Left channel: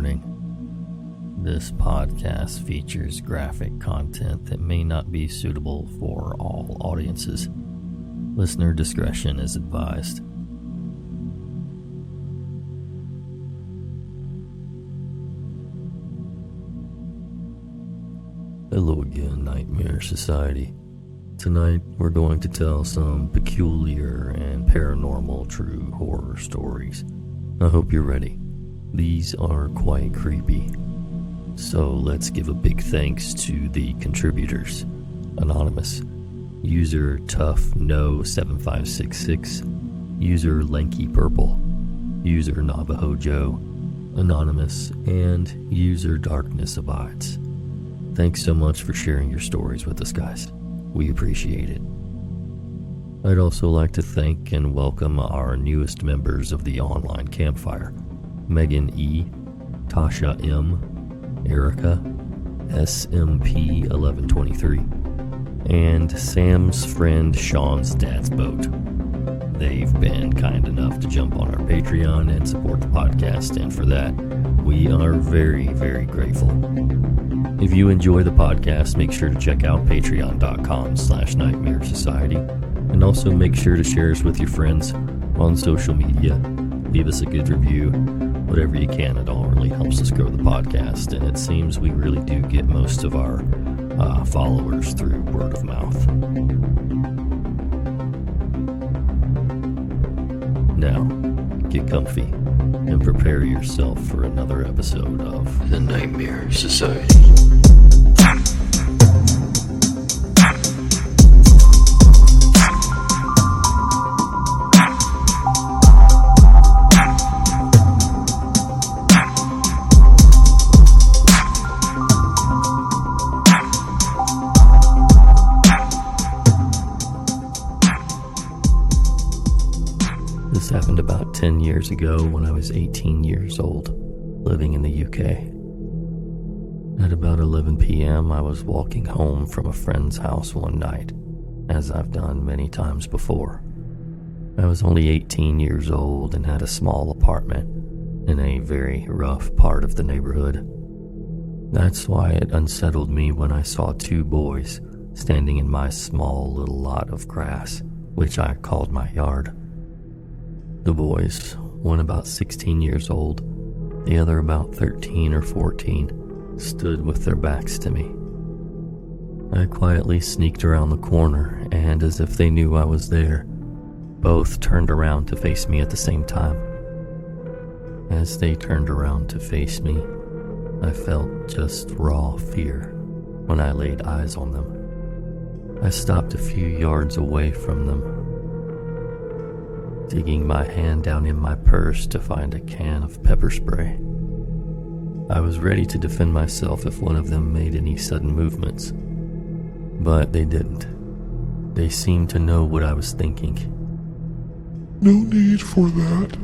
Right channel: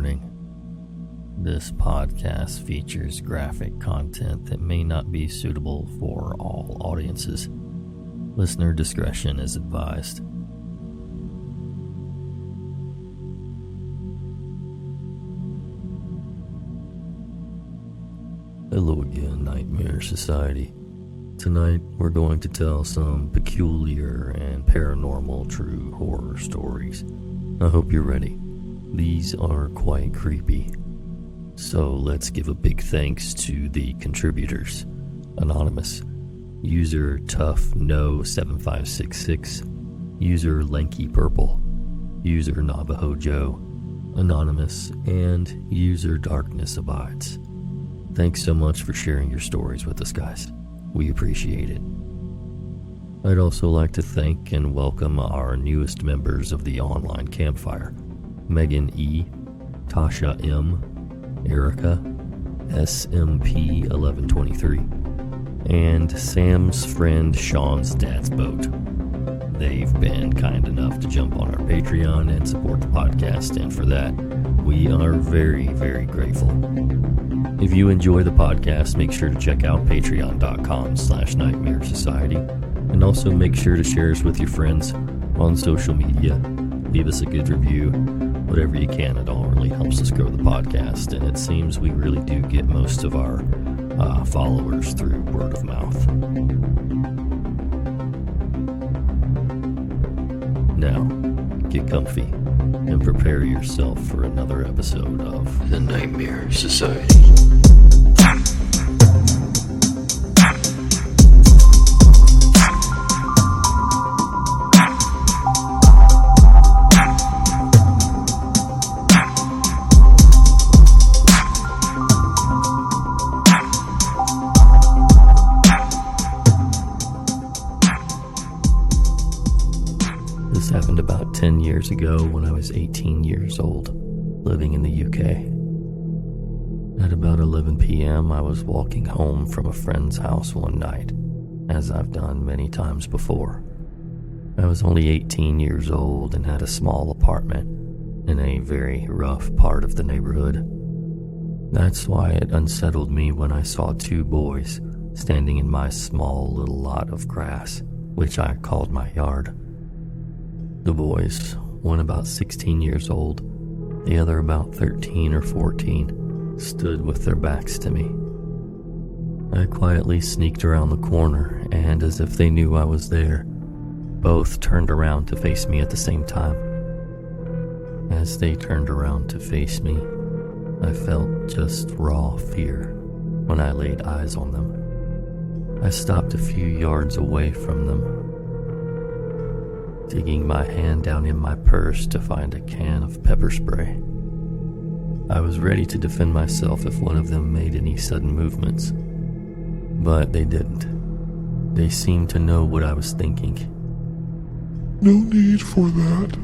Warning. This podcast features graphic content that may not be suitable for all audiences. Listener discretion is advised. Hello again, Nightmare Society. Tonight, we're going to tell some peculiar and paranormal true horror stories. I hope you're ready. These are quite creepy. So let's give a big thanks to the contributors. Anonymous, user ToughNo7566, user LankyPurple, user Navajo Joe, Anonymous, and user DarknessAbides. Thanks so much for sharing your stories with us, guys. We appreciate it. I'd also like to thank and welcome our newest members of the online campfire: Megan E., Tasha M., Erica, SMP1123, and Sam's friend Sean's dad's boat. They've been kind enough to jump on our Patreon and support the podcast, and for that, we are very, very grateful. If you enjoy the podcast, make sure to check out patreon.com/Nightmare Society, and also make sure to share us with your friends on social media. Leave us a good review, whatever you can. It all really helps us grow the podcast, and it seems we really do get most of our followers through word of mouth. Now, get comfy and prepare yourself for another episode of The Nightmare Society. This happened about 10 years ago when I was 18 years old, living in the UK. At about 11 p.m., I was walking home from a friend's house one night, as I've done many times before. I was only 18 years old and had a small apartment in a very rough part of the neighborhood. That's why it unsettled me when I saw two boys standing in my small little lot of grass, which I called my yard. The boys, one about 16 years old, the other about 13 or 14, stood with their backs to me. I quietly sneaked around the corner, and as if they knew I was there, both turned around to face me at the same time. As they turned around to face me, I felt just raw fear when I laid eyes on them. I stopped a few yards away from them, digging my hand down in my purse to find a can of pepper spray. I was ready to defend myself if one of them made any sudden movements, but they didn't. They seemed to know what I was thinking. No need for that.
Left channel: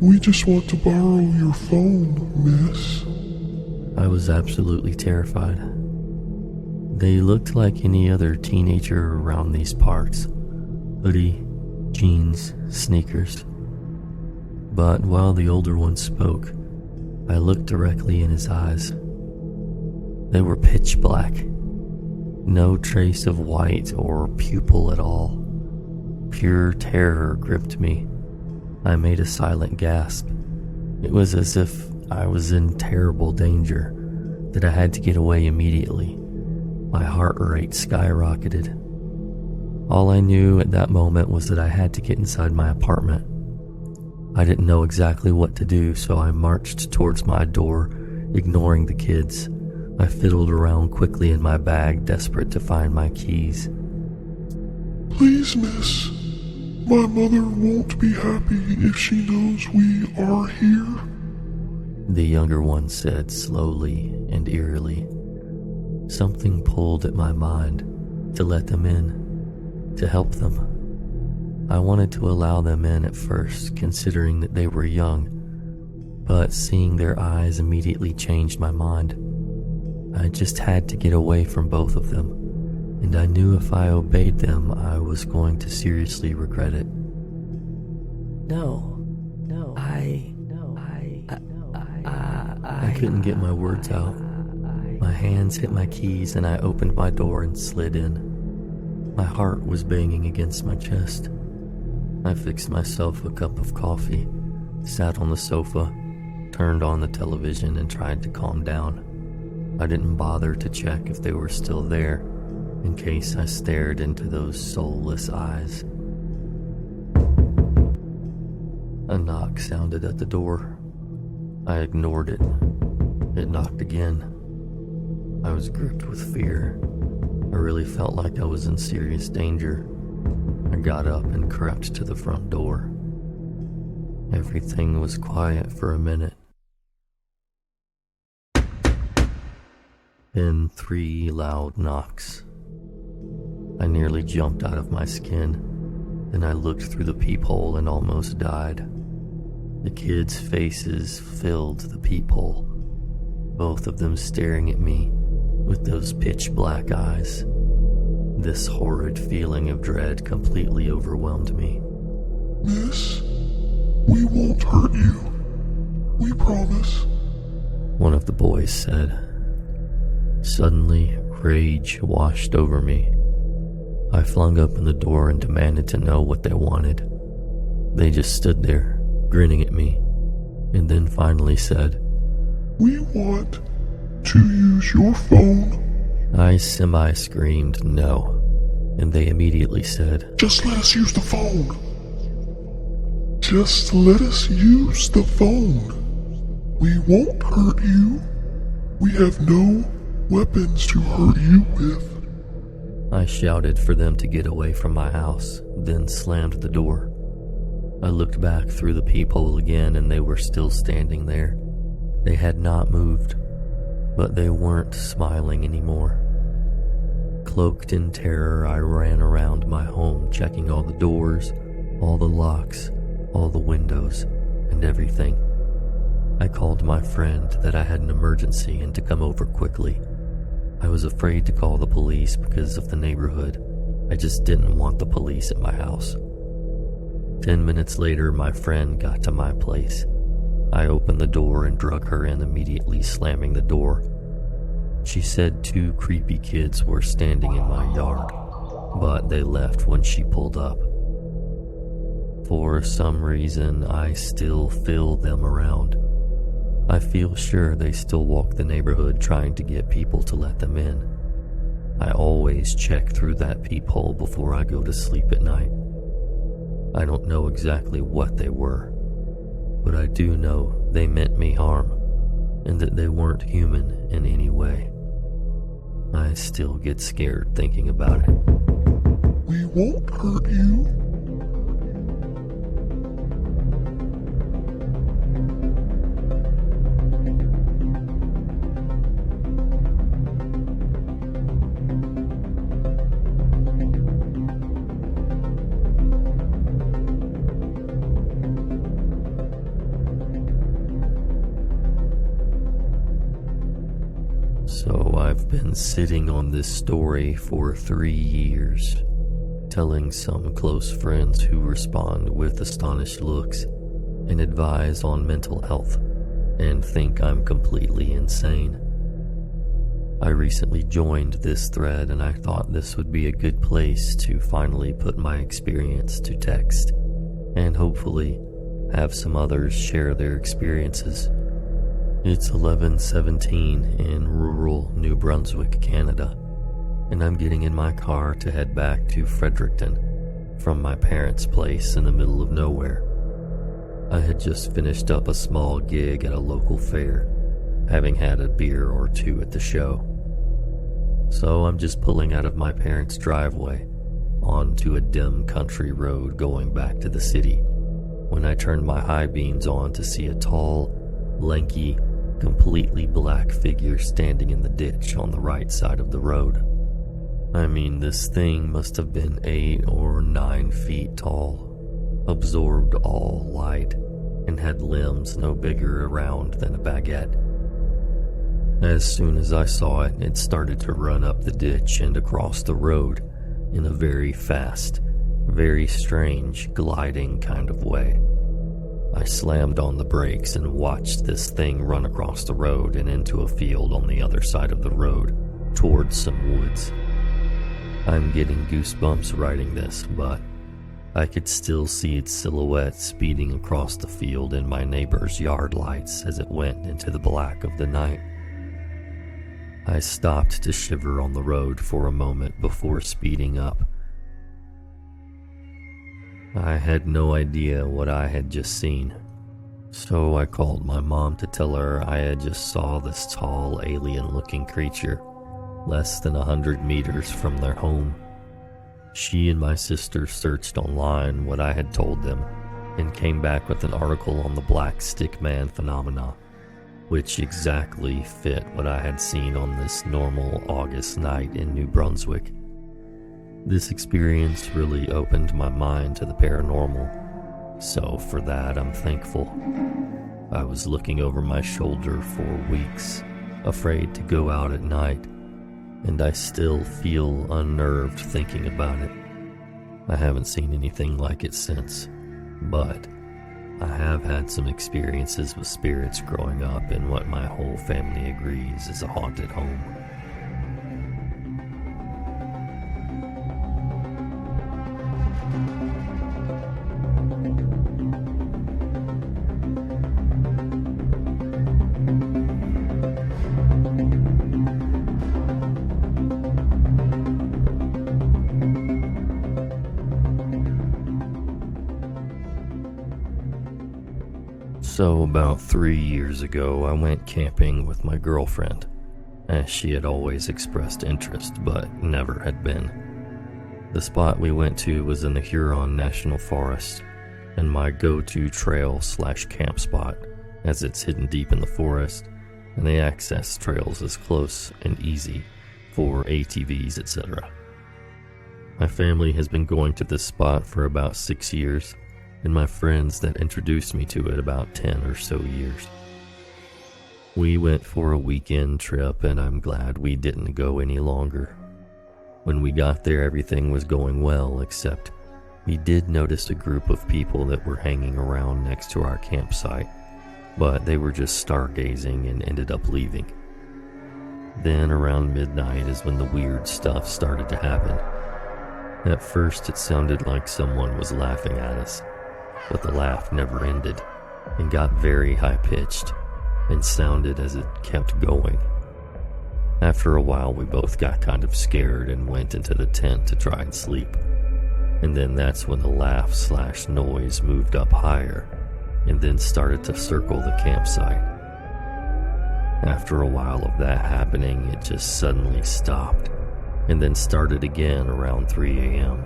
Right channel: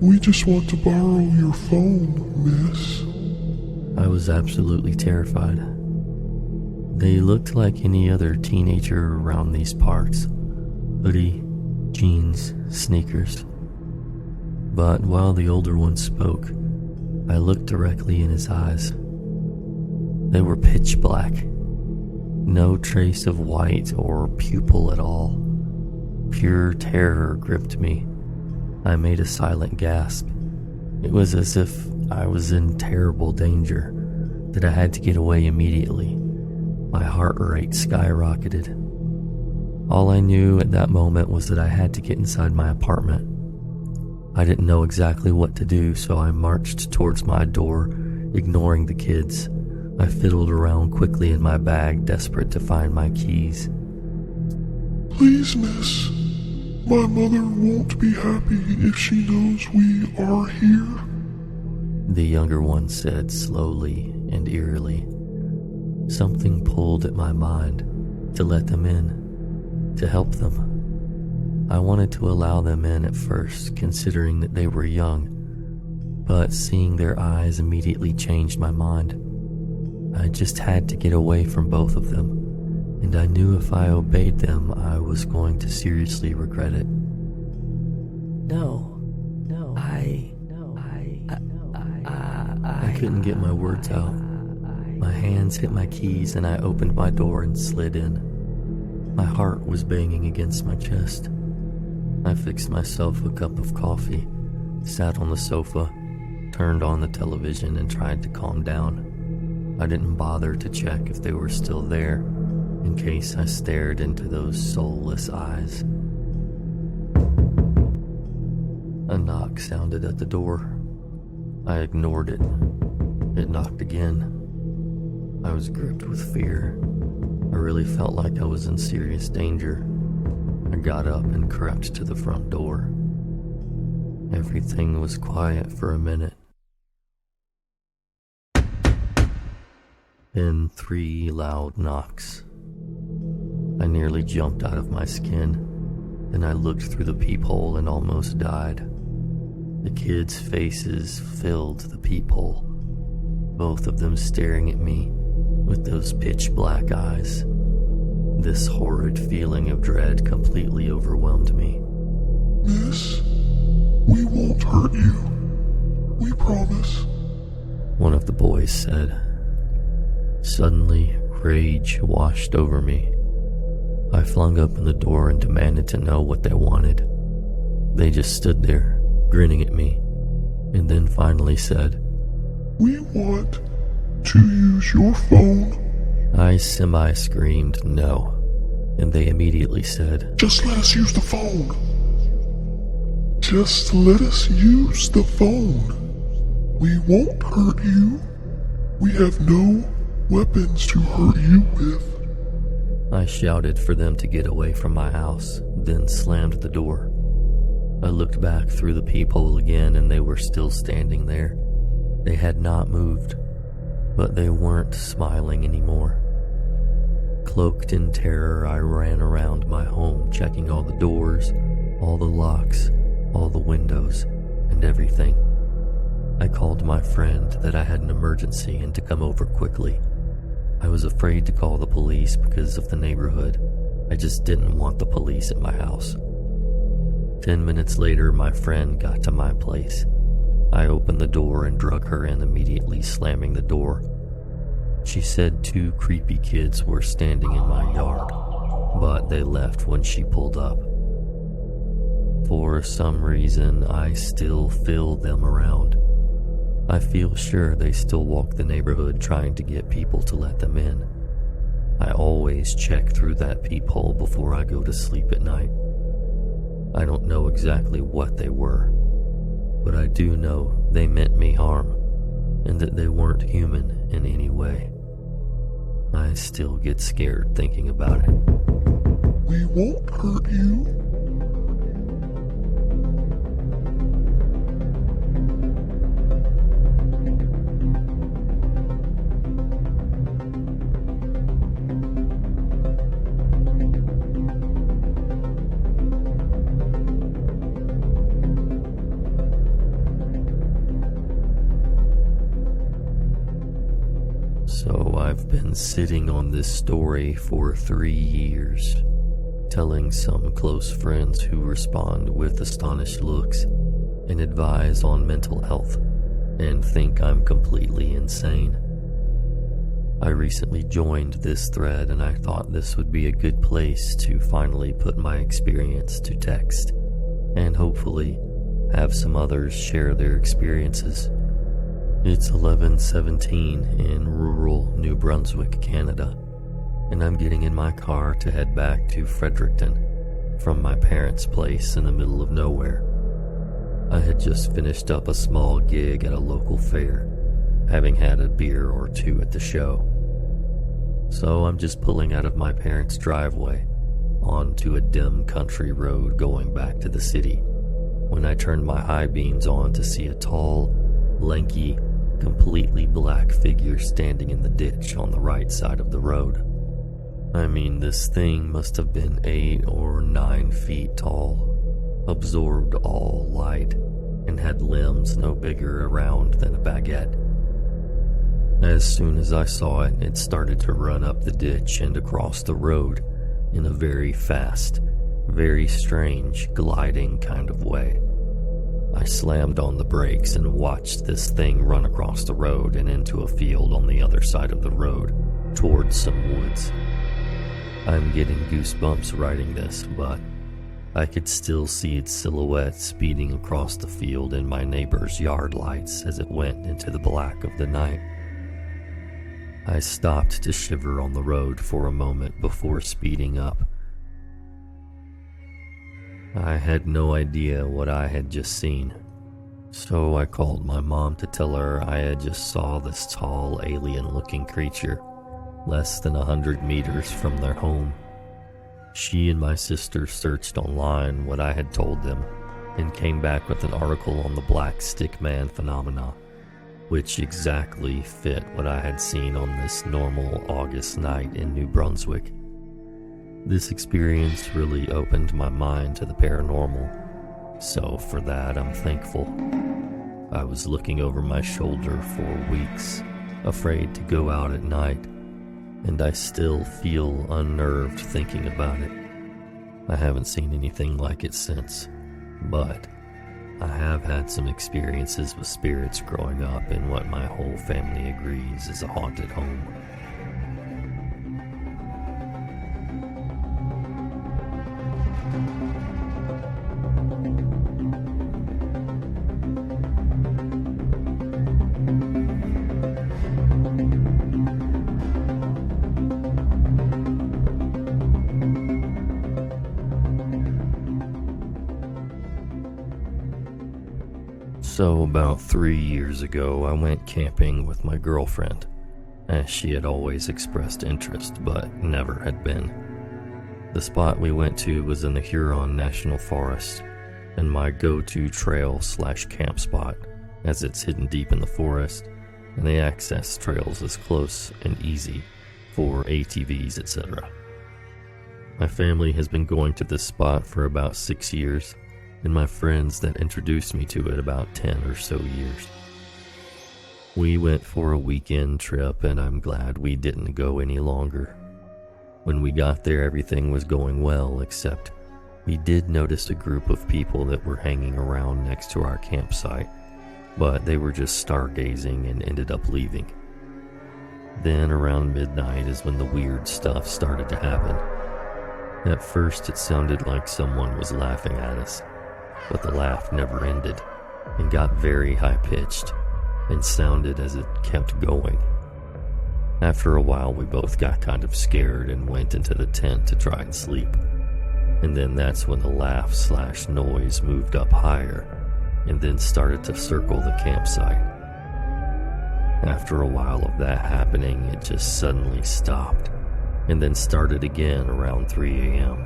We just want to borrow your phone, miss. I was absolutely terrified. They looked like any other teenager around these parts. Hoodie, jeans, sneakers. But while the older one spoke, I looked directly in his eyes. They were pitch black. No trace of white or pupil at all. Pure terror gripped me. I made a silent gasp. It was as if I was in terrible danger, that I had to get away immediately. My heart rate skyrocketed. All I knew at that moment was that I had to get inside my apartment. I didn't know exactly what to do, so I marched towards my door, ignoring the kids. I fiddled around quickly in my bag, desperate to find my keys. Please, miss. My mother won't be happy if she knows we are here. The younger one said slowly and eerily. Something pulled at my mind to let them in. To help them. I wanted to allow them in at first, considering that they were young, but seeing their eyes immediately changed my mind. I just had to get away from both of them, and I knew if I obeyed them, I was going to seriously regret it. No, I I couldn't get my words out. My hands hit my keys and I opened my door and slid in. My heart was banging against my chest. I fixed myself a cup of coffee, sat on the sofa, turned on the television and tried to calm down. I didn't bother to check if they were still there, in case I stared into those soulless eyes. A knock sounded at the door. I ignored it. It knocked again. I was gripped with fear. I really felt like I was in serious danger. I got up and crept to the front door. Everything was quiet for a minute. Then 3 loud knocks. I nearly jumped out of my skin. Then I looked through the peephole and almost died. The kids' faces filled the peephole, both of them staring at me with those pitch black eyes. This horrid feeling of dread completely overwhelmed me. Miss, we won't hurt you. We promise. One of the boys said. Suddenly, rage washed over me. I flung open the door and demanded to know what they wanted. They just stood there, grinning at me, and then finally said, We want to use your phone. I semi-screamed no, and they immediately said, Just let us use the phone. Just let us use the phone. We won't hurt you. We have no weapons to hurt you with. I shouted for them to get away from my house, then slammed the door. I looked back through the peephole again and they were still standing there. They had not moved, but they weren't smiling anymore. Cloaked in terror, I ran around my home, checking all the doors, all the locks, all the windows, and everything. I called my friend that I had an emergency and to come over quickly. I was afraid to call the police because of the neighborhood. I just didn't want the police at my house. 10 minutes later, my friend got to my place. I opened the door and drug her in, immediately slamming the door. She said 2 creepy kids were standing in my yard, but they left when she pulled up. For some reason, I still feel them around. I feel sure they still walk the neighborhood trying to get people to let them in. I always check through that peephole before I go to sleep at night. I don't know exactly what they were, but I do know they meant me harm, and that they weren't human in any way. I still get scared thinking about it. We won't hurt you. So I've been sitting on this story for 3 years, telling some close friends who respond with astonished looks and advise on mental health and think I'm completely insane. I recently joined this thread and I thought this would be a good place to finally put my experience to text and hopefully have some others share their experiences. It's 11:17 in rural New Brunswick, Canada, and I'm getting in my car to head back to Fredericton from my parents' place in the middle of nowhere. I had just finished up a small gig at a local fair, having had a beer or 2 at the show. So I'm just pulling out of my parents' driveway onto a dim country road going back to the city when I turned my high beams on to see a tall, lanky, completely black figure standing in the ditch on the right side of the road. I mean, this thing must have been 8 or 9 feet tall, absorbed all light, and had limbs no bigger around than a baguette. As soon as I saw it, it started to run up the ditch and across the road in a very fast, very strange, gliding kind of way. I slammed on the brakes and watched this thing run across the road and into a field on the other side of the road, towards some woods. I'm getting goosebumps writing this, but I could still see its silhouette speeding across the field in my neighbor's yard lights as it went into the black of the night. I stopped to shiver on the road for a moment before speeding up. I had no idea what I had just seen, so I called my mom to tell her I had just saw this tall alien-looking creature less than 100 meters from their home. She and my sister searched online what I had told them and came back with an article on the black stick man phenomena, which exactly fit what I had seen on this normal August night in New Brunswick. This experience really opened my mind to the paranormal, so for that I'm thankful. I was looking over my shoulder for weeks, afraid to go out at night, and I still feel unnerved thinking about it. I haven't seen anything like it since, but I have had some experiences with spirits growing up in what my whole family agrees is a haunted home. So about 3 years ago, I went camping with my girlfriend, as she had always expressed interest but never had been. The spot we went to was in the Huron National Forest, and my go-to trail/camp spot, as it's hidden deep in the forest, and the access trails is close and easy for ATVs, etc. My family has been going to this spot for about 6 years, and my friends that introduced me to it about 10 or so years. We went for a weekend trip, and I'm glad we didn't go any longer. When we got there, everything was going well, except we did notice a group of people that were hanging around next to our campsite, but they were just stargazing and ended up leaving. Then around midnight is when the weird stuff started to happen. At first it sounded like someone was laughing at us, but the laugh never ended and got very high-pitched and sounded as it kept going. After a while, we both got kind of scared and went into the tent to try and sleep. And then that's when the laugh/noise moved up higher and then started to circle the campsite. After a while of that happening, it just suddenly stopped and then started again around 3 a.m.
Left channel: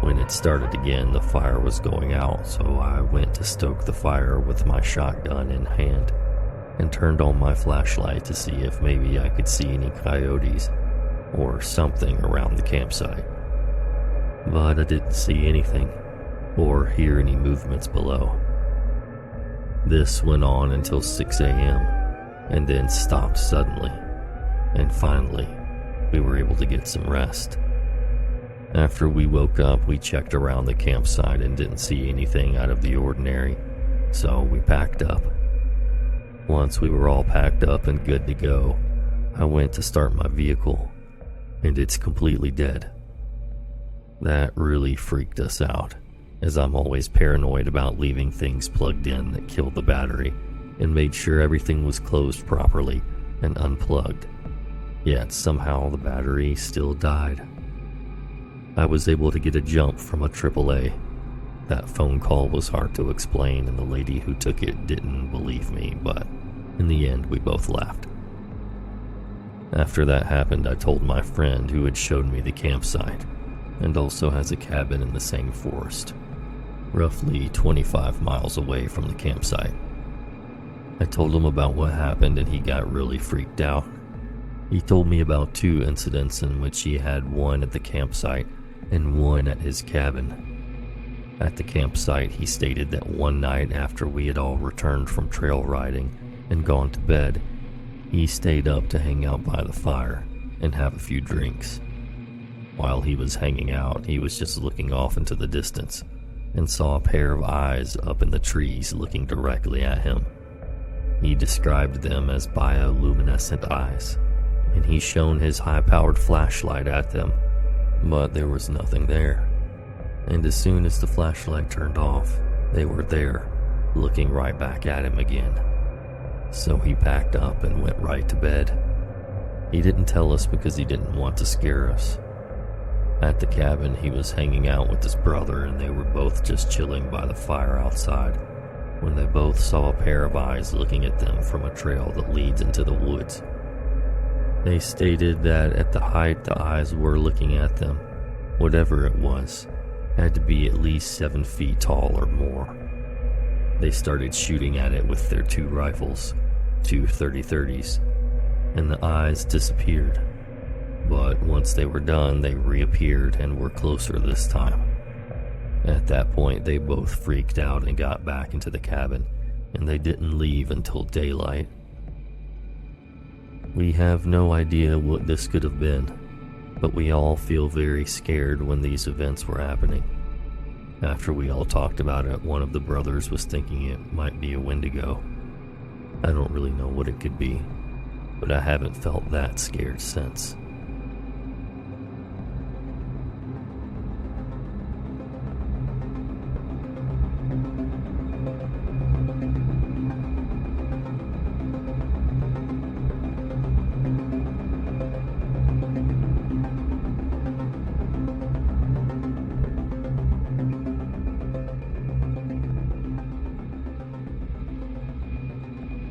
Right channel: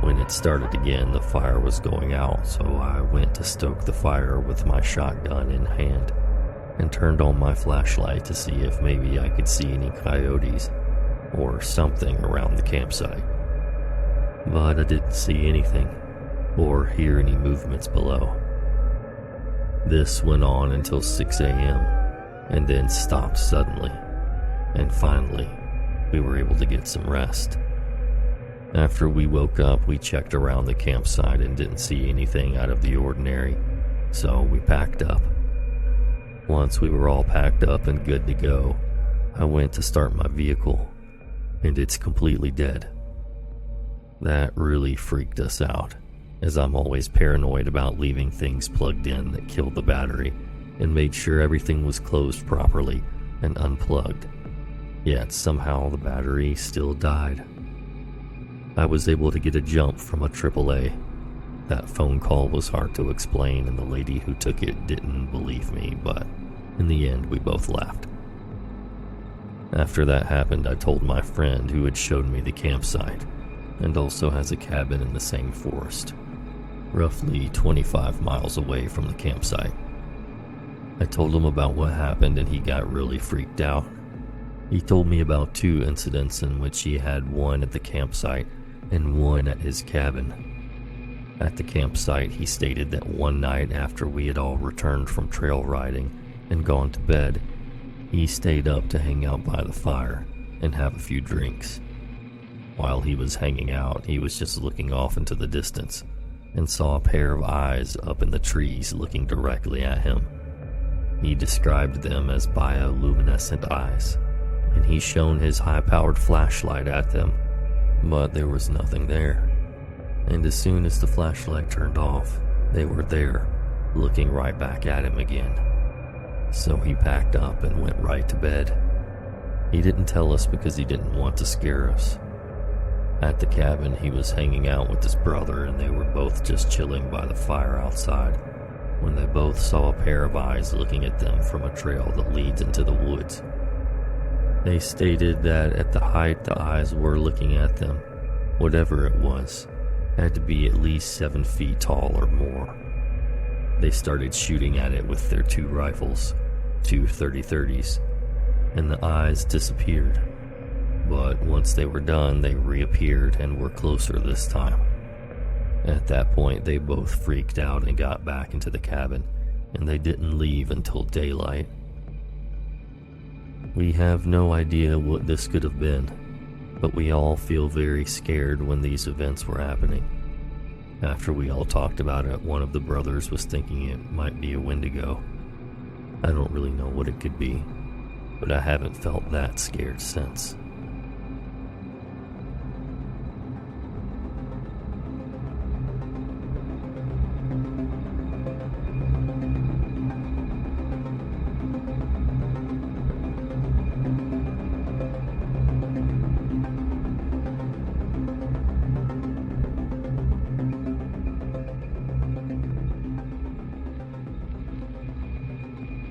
When it started again, the fire was going out, so I went to stoke the fire with my shotgun in hand and turned on my flashlight to see if maybe I could see any coyotes or something around the campsite. But I didn't see anything or hear any movements below. This went on until 6 a.m. and then stopped suddenly, and finally we were able to get some rest. After we woke up, we checked around the campsite and didn't see anything out of the ordinary, so we packed up. Once we were all packed up and good to go, I went to start my vehicle, and it's completely dead. That really freaked us out, as I'm always paranoid about leaving things plugged in that killed the battery, and made sure everything was closed properly and unplugged. Yet somehow the battery still died. I was able to get a jump from a AAA. That phone call was hard to explain, and the lady who took it didn't believe me, but in the end we both laughed. After that happened, I told my friend who had showed me the campsite, and also has a cabin in the same forest, roughly 25 miles away from the campsite. I told him about what happened, and he got really freaked out. He told me about 2 incidents in which he had one at the campsite and one at his cabin. At the campsite, he stated that one night after we had all returned from trail riding and gone to bed, he stayed up to hang out by the fire and have a few drinks. While he was hanging out, he was just looking off into the distance, and saw a pair of eyes up in the trees looking directly at him. He described them as bioluminescent eyes, and he shone his high-powered flashlight at them, but there was nothing there. And as soon as the flashlight turned off, they were there, looking right back at him again. So he packed up and went right to bed. He didn't tell us because he didn't want to scare us. At the cabin, he was hanging out with his brother, and they were both just chilling by the fire outside when they both saw a pair of eyes looking at them from a trail that leads into the woods. They stated that at the height the eyes were looking at them, whatever it was, had to be at least 7 feet tall or more. They started shooting at it with their 2 rifles, 2 30-30s, and the eyes disappeared. But once they were done, they reappeared and were closer this time. At that point, they both freaked out and got back into the cabin, and they didn't leave until daylight. We have no idea what this could have been, but we all feel very scared when these events were happening. After we all talked about it, one of the brothers was thinking it might be a Wendigo. I don't really know what it could be, but I haven't felt that scared since.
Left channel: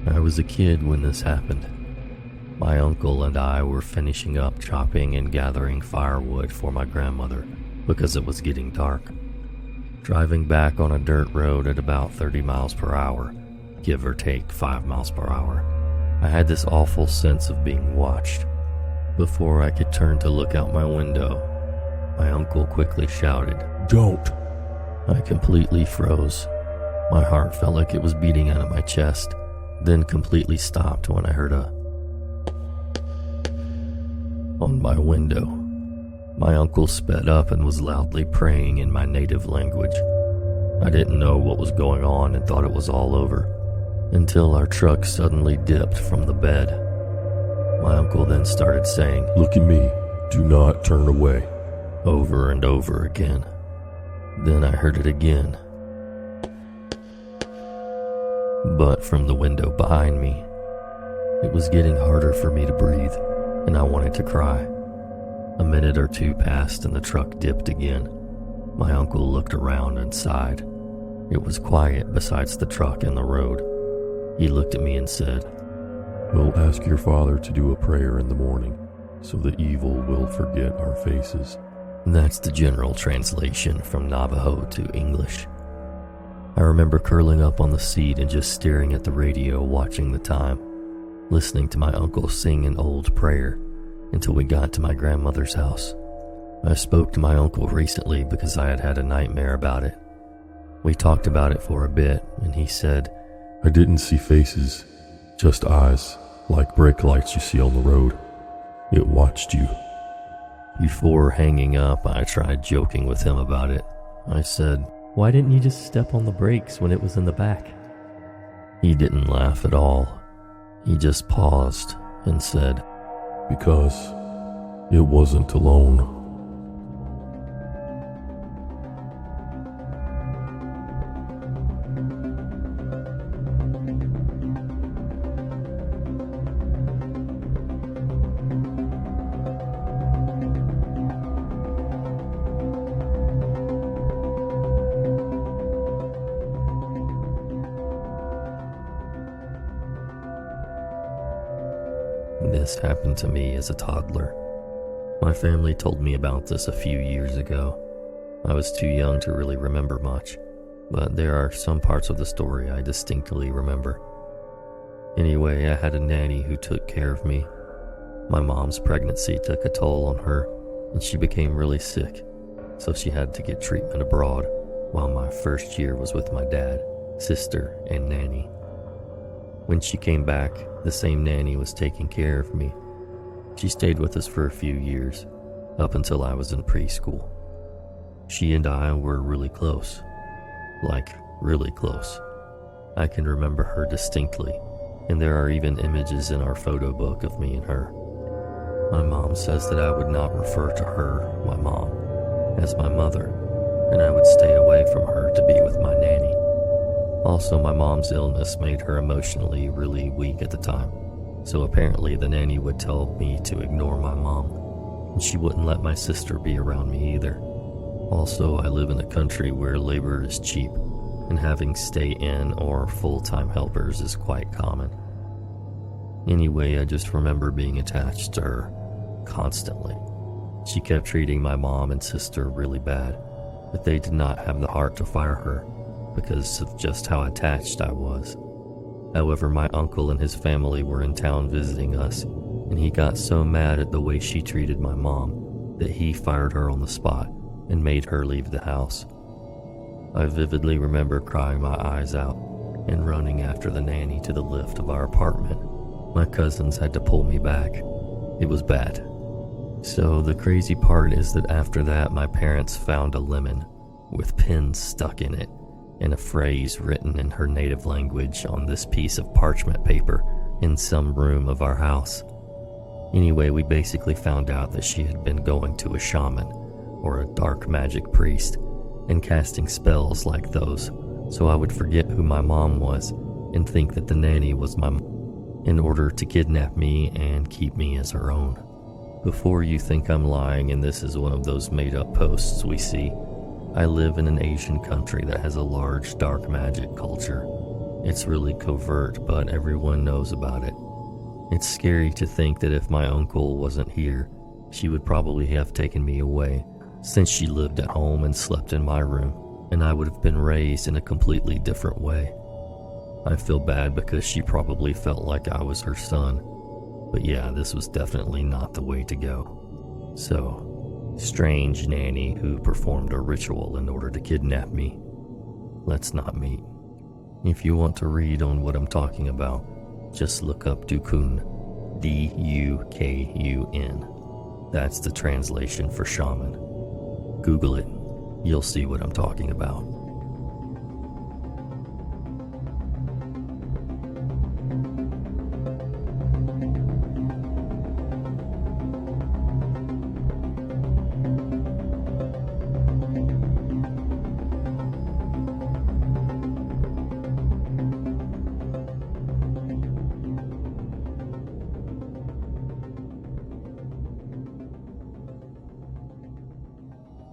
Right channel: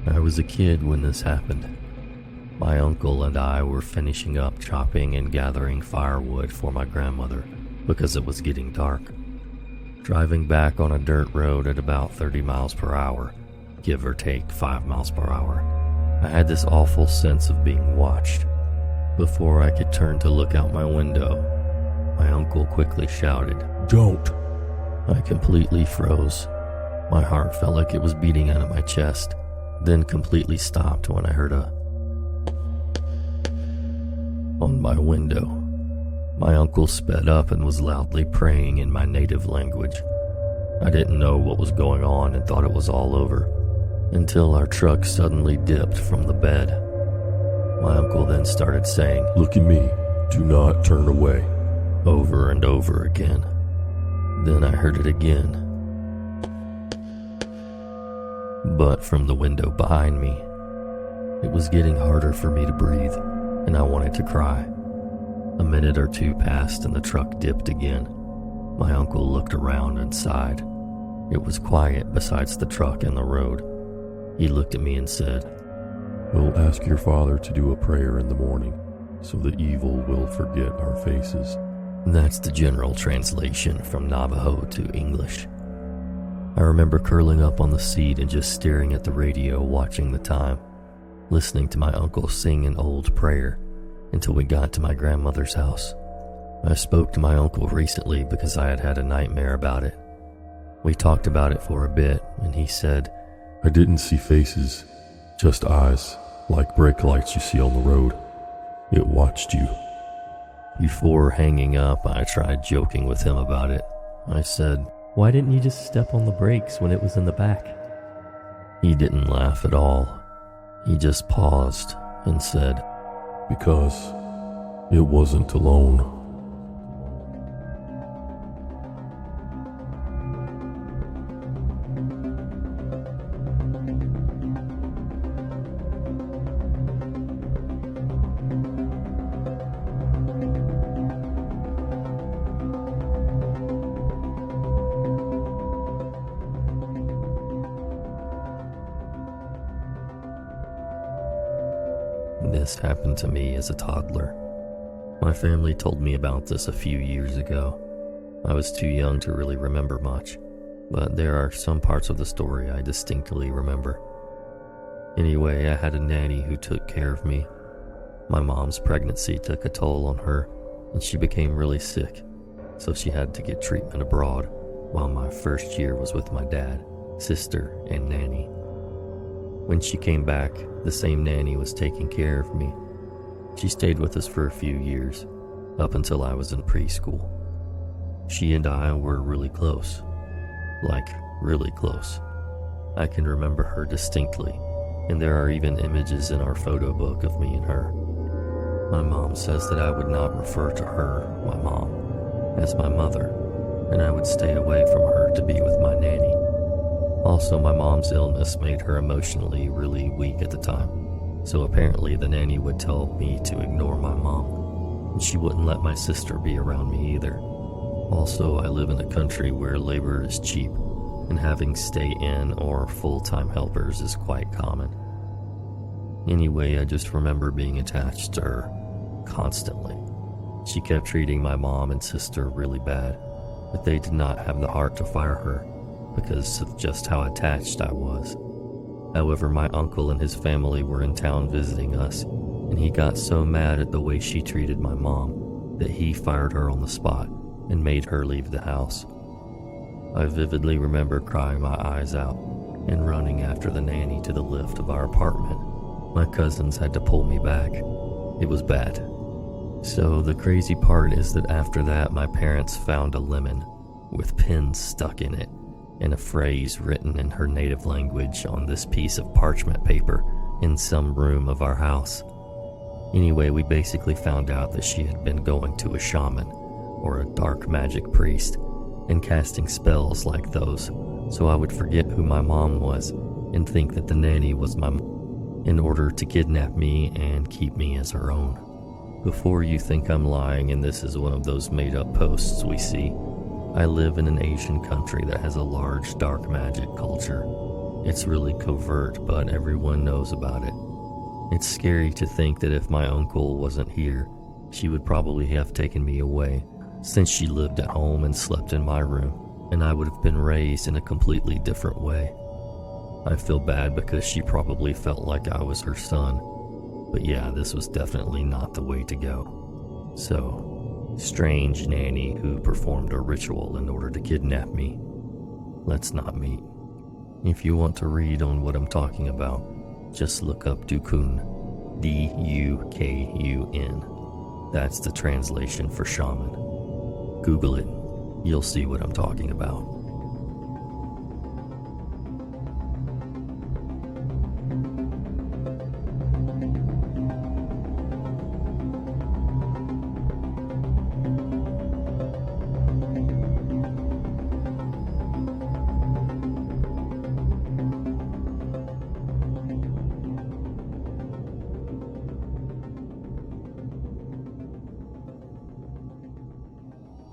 I was a kid when this happened. My uncle and I were finishing up chopping and gathering firewood for my grandmother because it was getting dark. Driving back on a dirt road at about 30 miles per hour, give or take 5 miles per hour, I had this awful sense of being watched. Before I could turn to look out my window, my uncle quickly shouted, "Don't!" I completely froze. My heart felt like it was beating out of my chest, then completely stopped when I heard a on my window. My uncle sped up and was loudly praying in my native language. I didn't know what was going on and thought it was all over, until our truck suddenly dipped from the bed. My uncle then started saying, "Look at me. Do not turn away." over and over again. Then I heard it again, but from the window behind me. It was getting harder for me to breathe, and I wanted to cry. A minute or 2 passed and the truck dipped again. My uncle looked around and sighed. It was quiet besides the truck and the road. He looked at me and said, "We'll ask your father to do a prayer in the morning, so the evil will forget our faces." That's the general translation from Navajo to English. I remember curling up on the seat and just staring at the radio, watching the time, listening to my uncle sing an old prayer until we got to my grandmother's house. I spoke to my uncle recently because I had had a nightmare about it. We talked about it for a bit, and he said, "I didn't see faces, just eyes, like brake lights you see on the road. It watched you." Before hanging up, I tried joking with him about it. I said, "Why didn't you just step on the brakes when it was in the back?" He didn't laugh at all. He just paused and said, "Because it wasn't alone." This happened to me as a toddler. My family told me about this a few years ago. I was too young to really remember much, but there are some parts of the story I distinctly remember. Anyway, I had a nanny who took care of me. My mom's pregnancy took a toll on her, and she became really sick, so she had to get treatment abroad, while my first year was with my dad, sister, and nanny. When she came back, the same nanny was taking care of me. She stayed with us for a few years, up until I was in preschool. She and I were really close. like really close. I can remember her distinctly, and there are even images in our photo book of me and her. My mom says that I would not refer to her, my mom, as my mother, and I would stay away from her to be with my nanny. Also, my mom's illness made her emotionally really weak at the time, so apparently the nanny would tell me to ignore my mom, and she wouldn't let my sister be around me either. Also, I live in a country where labor is cheap, and having stay-in or full-time helpers is quite common. Anyway, I just remember being attached to her constantly. She kept treating my mom and sister really bad, but they did not have the heart to fire her because of just how attached I was. However, my uncle and his family were in town visiting us, and he got so mad at the way she treated my mom that he fired her on the spot and made her leave the house. I vividly remember crying my eyes out and running after the nanny to the lift of our apartment. My cousins had to pull me back. It was bad. So the crazy part is that after that, my parents found a lemon with pins stuck in it and a phrase written in her native language on this piece of parchment paper in some room of our house. Anyway, we basically found out that she had been going to a shaman or a dark magic priest and casting spells like those, so I would forget who my mom was and think that the nanny was my mom in order to kidnap me and keep me as her own. Before you think I'm lying and this is one of those made-up posts we see, I live in an Asian country that has a large dark magic culture. It's really covert, but everyone knows about it. It's scary to think that if my uncle wasn't here, she would probably have taken me away, since she lived at home and slept in my room, and I would have been raised in a completely different way. I feel bad because she probably felt like I was her son, but yeah, this was definitely not the way to go. So, strange nanny who performed a ritual in order to kidnap me. Let's not meet. If you want to read on what I'm talking about, just look up Dukun, D-U-K-U-N. That's the translation for shaman. Google it. You'll see what I'm talking about.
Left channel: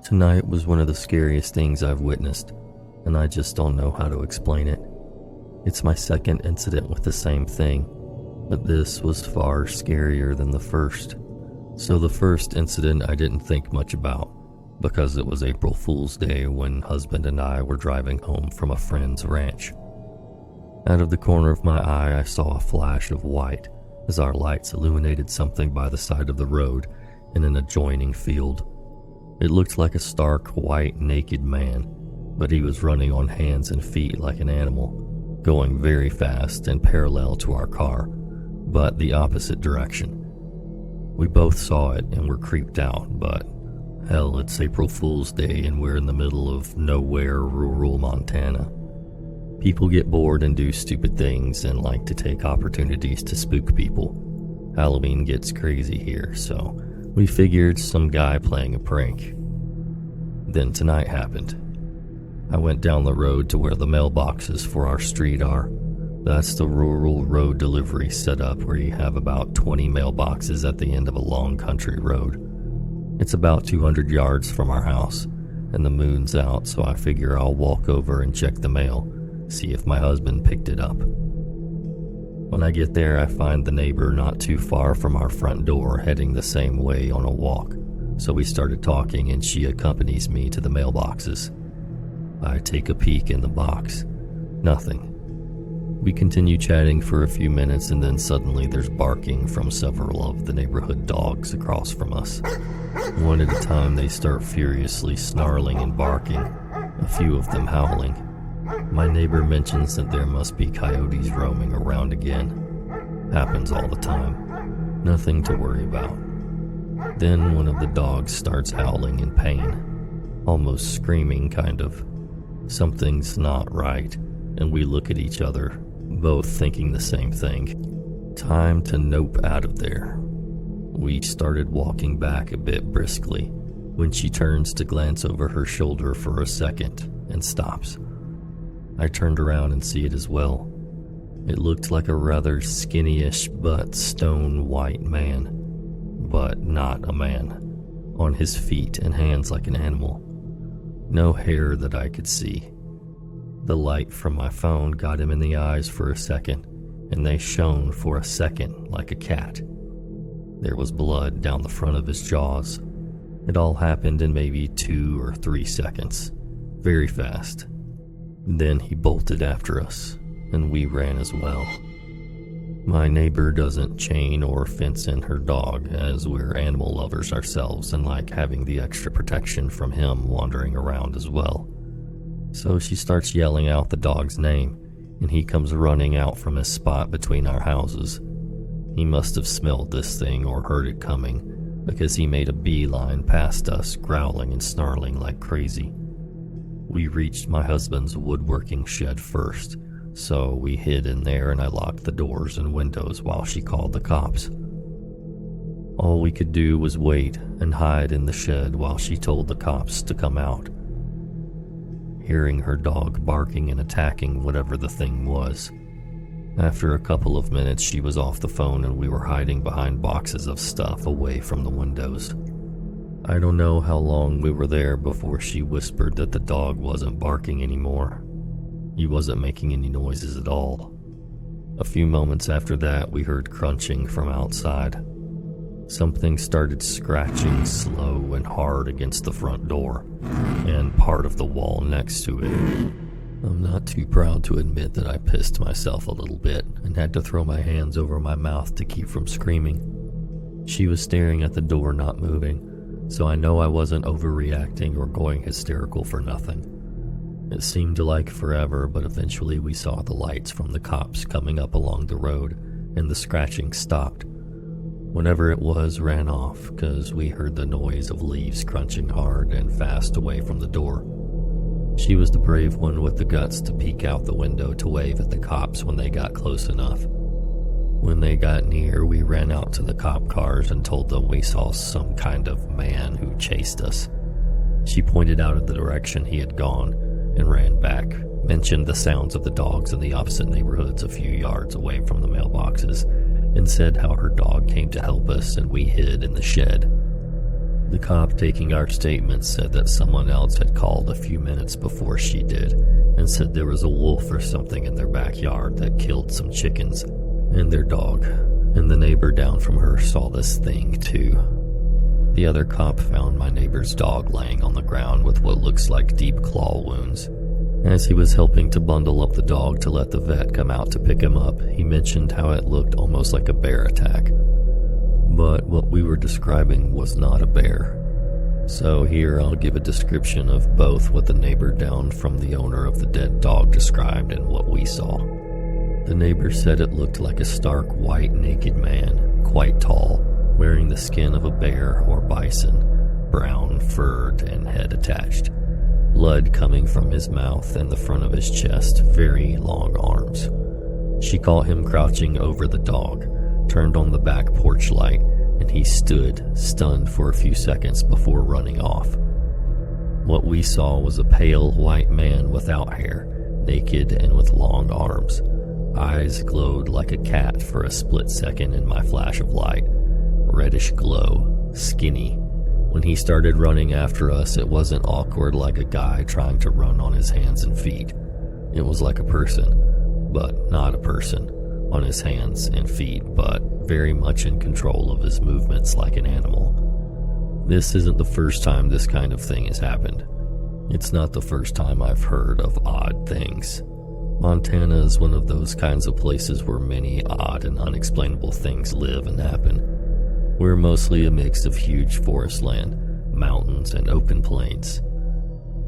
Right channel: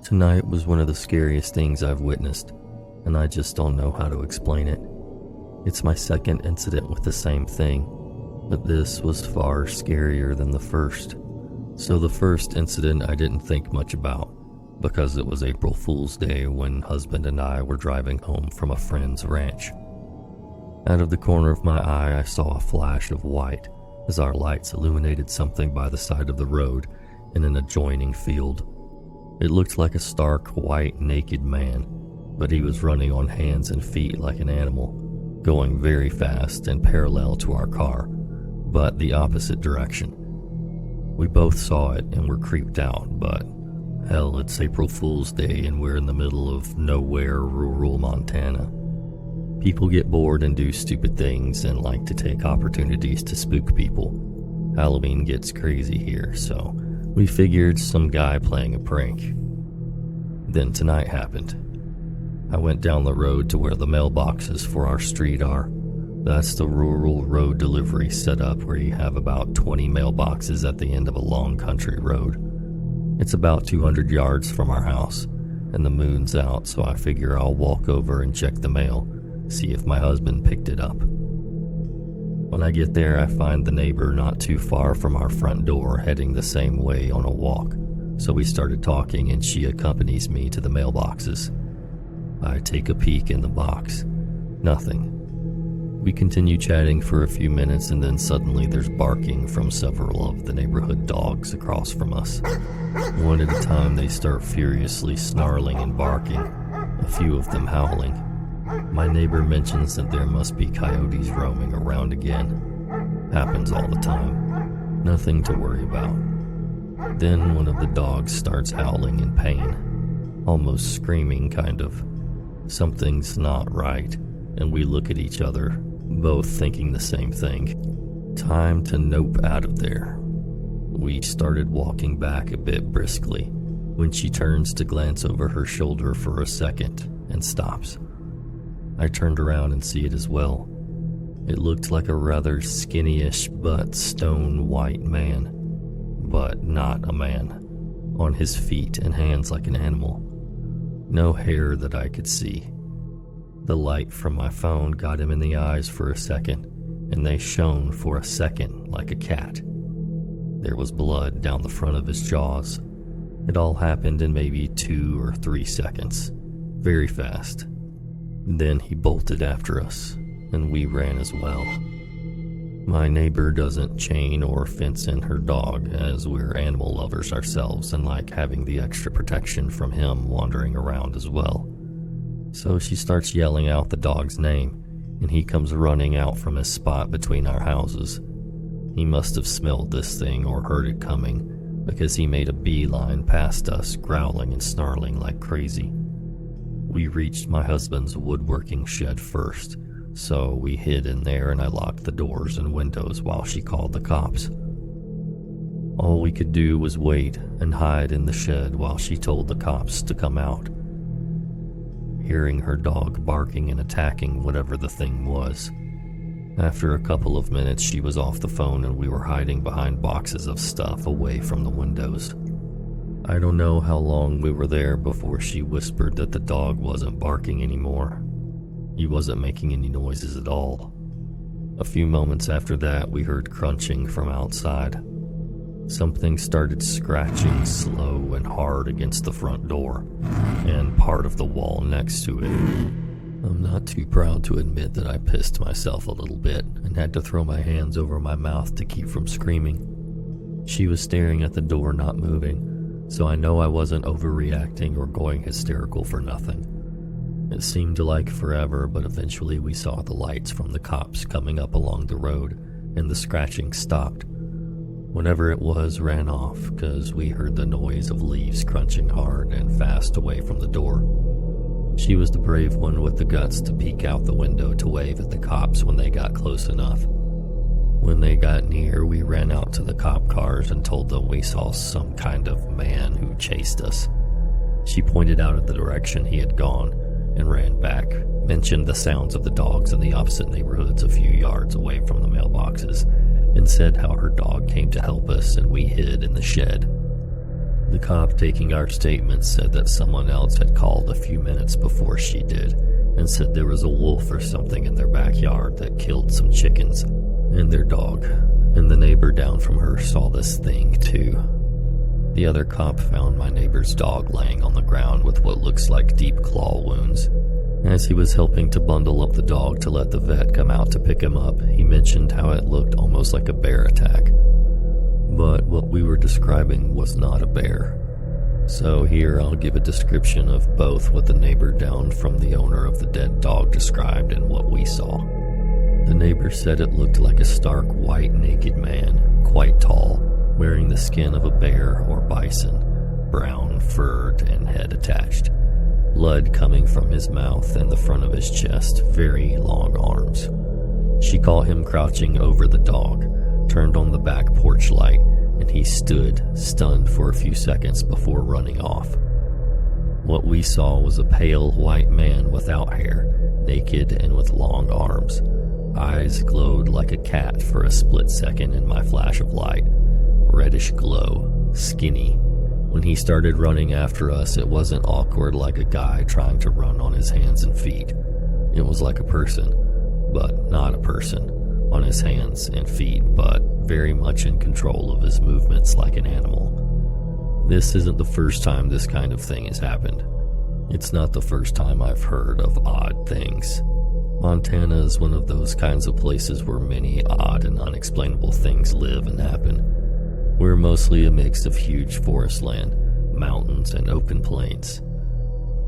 Tonight was one of the scariest things I've witnessed, and I just don't know how to explain it. It's my second incident with the same thing, but this was far scarier than the first. So the first incident I didn't think much about, because it was April Fool's Day when husband and I were driving home from a friend's ranch. Out of the corner of my eye, I saw a flash of white as our lights illuminated something by the side of the road in an adjoining field. It looked like a stark, white, naked man, but he was running on hands and feet like an animal, going very fast and parallel to our car, but the opposite direction. We both saw it and were creeped out, but hell, it's April Fool's Day and we're in the middle of nowhere, rural Montana. People get bored and do stupid things and like to take opportunities to spook people. Halloween gets crazy here, so we figured some guy playing a prank. Then tonight happened. I went down the road to where the mailboxes for our street are. That's the rural road delivery setup where you have about 20 mailboxes at the end of a long country road. It's about 200 yards from our house, and the moon's out, so I figure I'll walk over and check the mail, see if my husband picked it up. When I get there, I find the neighbor not too far from our front door heading the same way on a walk, so we started talking and she accompanies me to the mailboxes. I take a peek in the box. Nothing. We continue chatting for a few minutes and then suddenly there's barking from several of the neighborhood dogs across from us. One at a time they start furiously snarling and barking, a few of them howling. My neighbor mentions that there must be coyotes roaming around again. Happens all the time. Nothing to worry about. Then one of the dogs starts howling in pain, almost screaming kind of. Something's not right, and we look at each other, both thinking the same thing. Time to nope out of there. We started walking back a bit briskly when she turns to glance over her shoulder for a second and stops. I turned around and see it as well. It looked like a rather skinny-ish but stone white man, but not a man, on his feet and hands like an animal. No hair that I could see. The light from my phone got him in the eyes for a second, and they shone for a second like a cat. There was blood down the front of his jaws. It all happened in maybe 2 or 3 seconds. Very fast. Then he bolted after us, and we ran as well. My neighbor doesn't chain or fence in her dog, as we're animal lovers ourselves and like having the extra protection from him wandering around as well. So she starts yelling out the dog's name, and he comes running out from his spot between our houses. He must have smelled this thing or heard it coming, because he made a beeline past us, growling and snarling like crazy. We reached my husband's woodworking shed first, so we hid in there and I locked the doors and windows while she called the cops. All we could do was wait and hide in the shed while she told the cops to come out. Hearing her dog barking and attacking whatever the thing was. After a couple of minutes, she was off the phone and we were hiding behind boxes of stuff away from the windows. I don't know how long we were there before she whispered that the dog wasn't barking anymore. He wasn't making any noises at all. A few moments after that, we heard crunching from outside. Something started scratching slow and hard against the front door and part of the wall next to it. I'm not too proud to admit that I pissed myself a little bit and had to throw my hands over my mouth to keep from screaming. She was staring at the door, not moving, so I know I wasn't overreacting or going hysterical for nothing. It seemed like forever, but eventually we saw the lights from the cops coming up along the road, and the scratching stopped. Whatever it was ran off, because we heard the noise of leaves crunching hard and fast away from the door. She was the brave one with the guts to peek out the window to wave at the cops when they got close enough. When they got near, we ran out to the cop cars and told them we saw some kind of man who chased us. She pointed out in the direction he had gone and ran back, mentioned the sounds of the dogs in the opposite neighborhoods a few yards away from the mailboxes, and said how her dog came to help us and we hid in the shed. The cop taking our statement said that someone else had called a few minutes before she did and said there was a wolf or something in their backyard that killed some chickens and their dog, and the neighbor down from her saw this thing too. The other cop found my neighbor's dog laying on the ground with what looks like deep claw wounds. As he was helping to bundle up the dog to let the vet come out to pick him up, he mentioned how it looked almost like a bear attack. But what we were describing was not a bear. So here I'll give a description of both what the neighbor down from the owner of the dead dog described and what we saw. The neighbor said it looked like a stark white naked man, quite tall, wearing the skin of a bear or bison, brown, furred, and head attached. Blood coming from his mouth and the front of his chest, very long arms. She caught him crouching over the dog, turned on the back porch light, and he stood, stunned for a few seconds before running off. What we saw was a pale white man without hair, naked and with long arms. Eyes glowed like a cat for a split second in my flash of light. Reddish glow, skinny. When he started running after us, it wasn't awkward like a guy trying to run on his hands and feet. It was like a person, but not a person, on his hands and feet, but very much in control of his movements like an animal. This isn't the first time this kind of thing has happened. It's not the first time I've heard of odd things. Montana is one of those kinds of places where many odd and unexplainable things live and happen. We're mostly a mix of huge forest land, mountains, and open plains.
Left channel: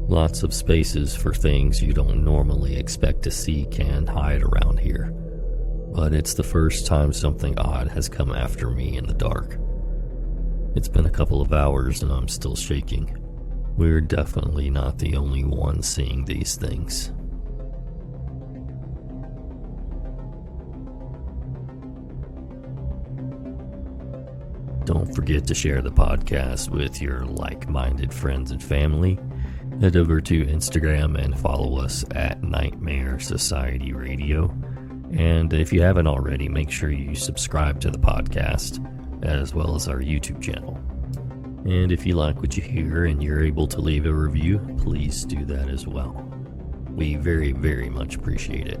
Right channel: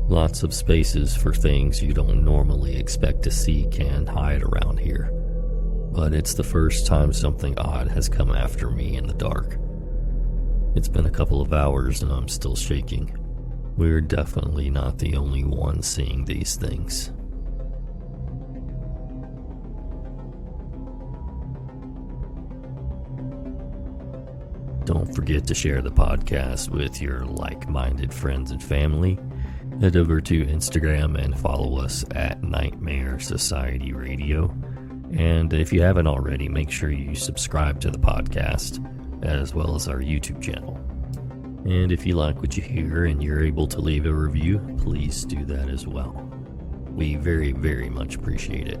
Lots of spaces for things you don't normally expect to see can hide around here. But it's the first time something odd has come after me in the dark. It's been a couple of hours and I'm still shaking. We're definitely not the only ones seeing these things. Don't forget to share the podcast with your like-minded friends and family. Head over to Instagram and follow us at Nightmare Society Radio. And if you haven't already, make sure you subscribe to the podcast, as well as our YouTube channel. And if you like what you hear and you're able to leave a review, please do that as well. We very, very much appreciate it.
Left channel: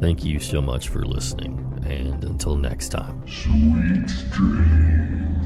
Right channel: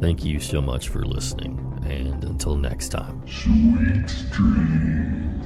Thank you so much for listening, and until next time. Sweet dreams.